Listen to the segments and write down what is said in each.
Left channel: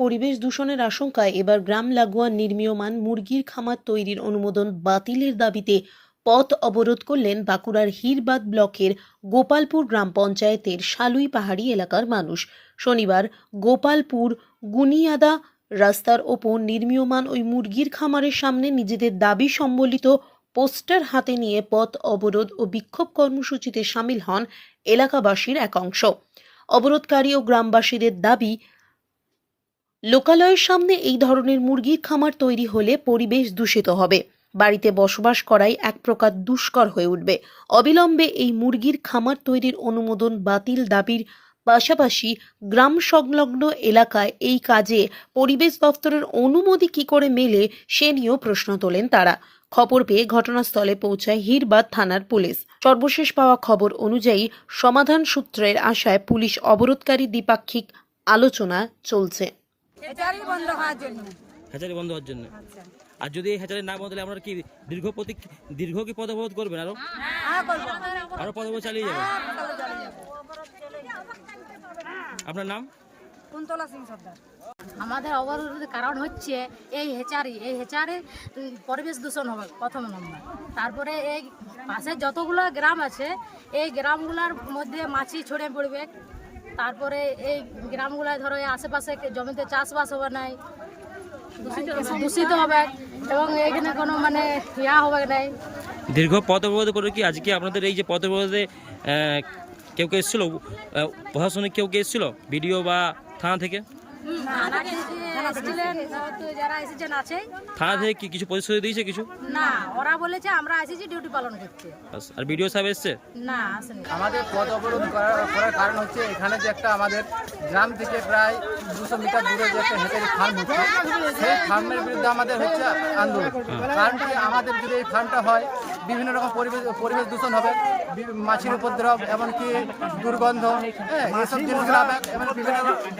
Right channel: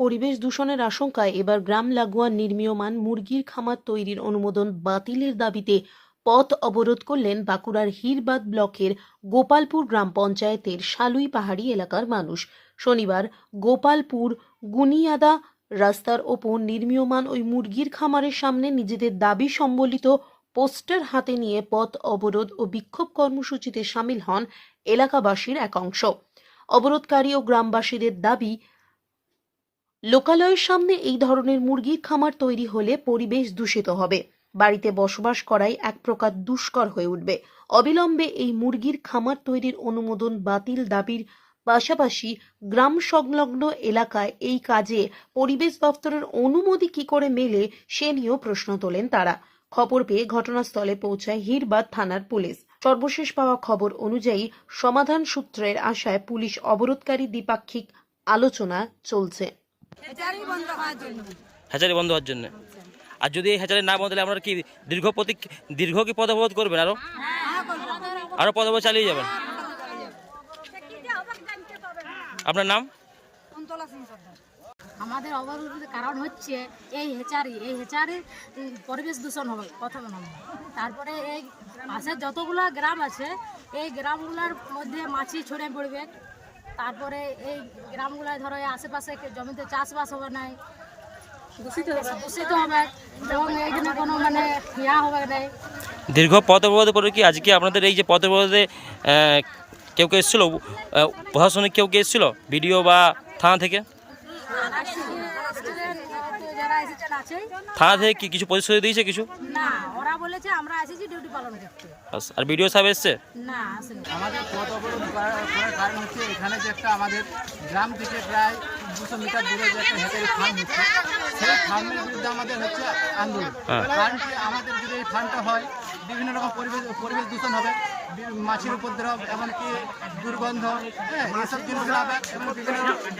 পরিবেশ দূষণের আশঙ্কায় এবার গ্রাম লাগোয়া নির্মীয়মান মুরগির খামার তৈরির অনুমোদন বাতিলের দাবিতে পথ অবরোধ করলেন বাঁকুড়ার হিরবাদ ব্লকের গোপালপুর গ্রাম পঞ্চায়েতের শালুই পাহাড়ি এলাকার মানুষ। শনিবার গোপালপুর গুনিয়াদা রাস্তার ওপর নির্মীয়মান ওই মুরগির খামারের সামনে নিজেদের দাবি সম্বলিত পোস্টার হাতে নিয়ে পথ অবরোধ ও বিক্ষোভ কর্মসূচিতে সামিল হন এলাকাবাসীর এক অংশ। অবরোধকারী ও গ্রামবাসীদের দাবি, লোকালয়ের সামনে এই ধরনের মুরগির খামার তৈরি হলে পরিবেশ দূষিত হবে, বাড়িতে বসবাস করাই এক প্রকার দুষ্কর হয়ে উঠবে। অবিলম্বে এই মুরগির খামার তৈরির অনুমোদন বাতিল দাবির পাশাপাশি গ্রাম সংলগ্ন এলাকায় এই কাজে পরিবেশ দপ্তরের অনুমতি কি করে মেলে সে নিয়েও প্রশ্ন তোলেন তারা। খবর পেয়ে ঘটনাস্থলে পৌঁছায় হিরবাদ থানার পুলিশ। সর্বশেষ পাওয়া খবর অনুযায়ী সমাধান সূত্রের আশায় পুলিশ অবরোধকারী দ্বিপাক্ষিক আলোচনা চলছে। হ্যাচারি বন্ধ হওয়ার জন্য। আর যদি এই হ্যাচারি না বন্ধ হলে আপনারা কি দীর্ঘ কি পথ অবরোধ করবেন? আরো পথ অবরোধ চালিয়ে যাবেন? আপনার নাম? আমাদের অবরোধের কারণ হচ্ছে এই হেচারির পরিবেশ দূষণ হবে প্রথম নম্বর। তারপরে এই পাশে যতগুলো গ্রাম আছে এই গ্রামগুলোর মধ্যে মাছি ছড়ে পড়বে। তারপরে এই গ্রামগুলোয় ধরো আশেপাশে জমিতে চাষবাস হবে নাই, দূষিত হবে এবং এইখানে কোনো মানে হবে নাই। দীর্ঘ পথ অবরোধ করে কি আজকে আপনাদের এই যে পথ অবরোধে কেউ এসেছিল, প্রশাসনিক কেউ এসেছিল, বিডিও বা থানা থেকে? থানা থেকে কি কিছু প্রতিশ্রুতি দিয়েছে? কিছু না, ওরা বলেছে আমরা এসেছি ডিউটি পালন করতে। আর বিডিও সাহেব এসছে? না, আসেনি। আমাদের পথ অবরোধ করার কারণ হচ্ছে এখানে যে একটা আমাদের গ্রাম থেকে প্রায় 200 মিটার দূরে যে একটা হেঁচারি ফার্ম হচ্ছে, সেই ফার্মের বিরুদ্ধে আমাদের হচ্ছে আন্দোলন। কারণ কি আমাদের যদি এই ফার্মটা হয় বিভিন্ন রকম পরিবেশ দূষণ হবে, মাছির উপদ্রব, এমনকি দুর্গন্ধ, এসব জিনিসগুলো হবে এবং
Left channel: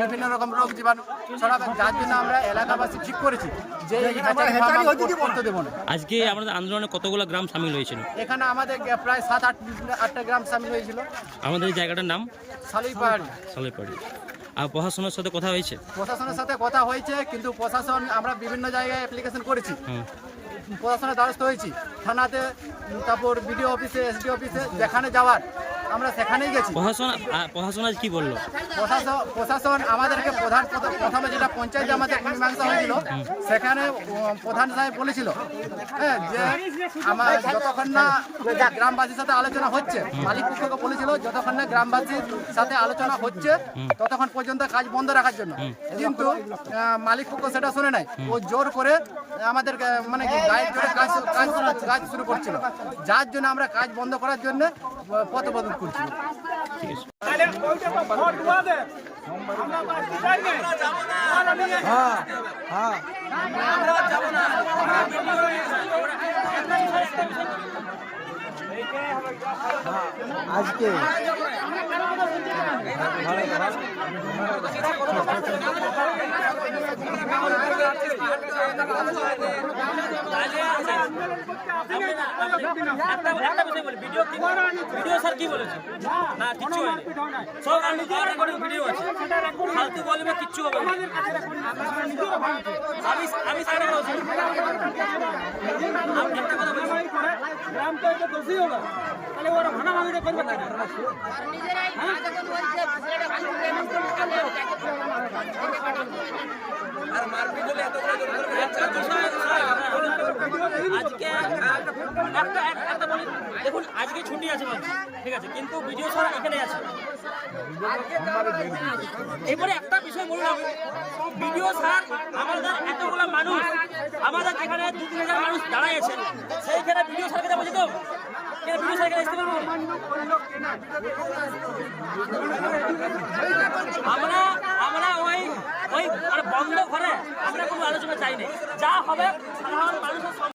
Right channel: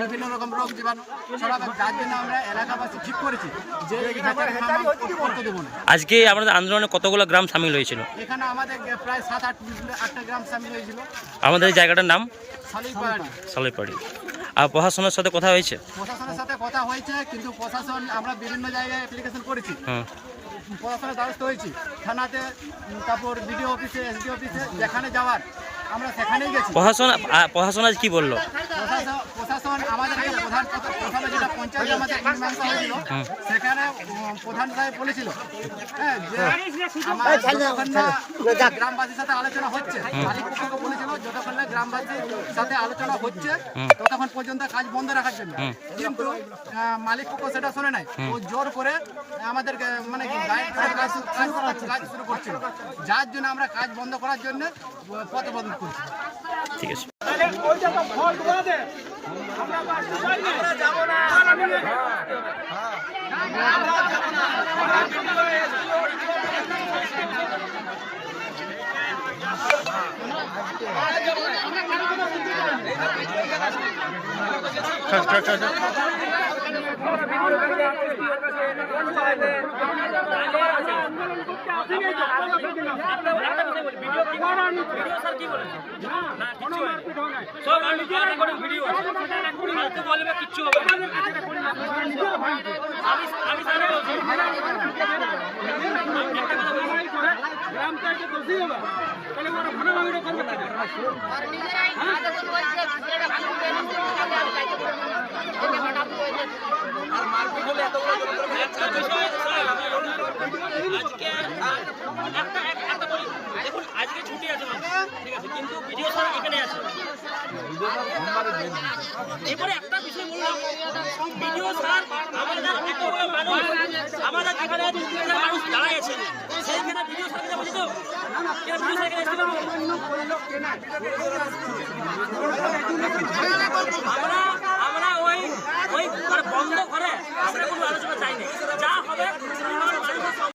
বিভিন্ন রকম রোগ জীবাণু ছড়াবে। যার জন্য আমরা এলাকাবাসী ঠিক করেছি যে এই হেঁচারি ফার্ম করতে দেবো না। আজকে আমাদের আন্দোলনে কতগুলো গ্রাম সামিল হয়েছিল? এখানে আমাদের প্রায় 7-8টা গ্রাম সামিল হয়েছিল। আমাদের এই জায়গাটার নাম শালুই পাহাড়ি। আর প্রশাসনের সাথে কথা হয়েছে? প্রশাসনের সাথে কথা হয়েছে, কিন্তু প্রশাসন আমরা বিভিন্ন জায়গায় অ্যাপ্লিকেশন করেছি, প্রশাসনের দ্বারস্থ হয়েছি, থানাতে, তারপর বিডিও অফিসে, এসডি অফিসে, যেখানে যাওয়ার আমরা সেখানেই গেছি। প্রশাসন আজ কি বললো? প্রশাসন আমাদেরকে প্রথমে যেটা পঞ্চায়েতে আমাদের মীমাংসা হয়েছিল সেখানে প্রধান সাহেব বলেছিল যে আমার যতক্ষণ না গ্রামবাসীর সাথে আলোচনা হচ্ছে, মালিক পক্ষকে বলেছিল যতক্ষণ না গ্রামবাসীর সাথে আলোচনা হচ্ছে ততক্ষণ পর্যন্ত কাজ বন্ধ রাখার জন্য। কিন্তু মালিক পক্ষ সেটা শুনে নাই, ও জোর করে আমাদেরকে মানে কাজ শুরু করছিল, যার জন্য আমরা কাজ বন্ধ করার জন্য পথ অবরোধ করছি। ঠিক আছে। গ্রাম তো এটা দোষী হবে, তাহলে ওরা ভাঙাভাঙিটা করবে না। আর মারপিট হলে একটা বিষয় একটা বলি, দেখুন আজকে ছুটি আছে বলছি, ঠিক আছে, কিন্তু ভিডিও স্যার এখানে আছে। এরপরে একটা বিষয় বললাম, ভিডিও স্যার আমাদের এতগুলো মানুষ, আমাদের যেখানে 2-3,000 মানুষ দাঁড়াই আছেন, সেইখানে ভিডিও স্যারকে বলছি তো আমরা ওই মানে বন্ধ ঘরে আমরা কোনো আলোচনা চাইনি, যা হবে সাধারণ মানুষের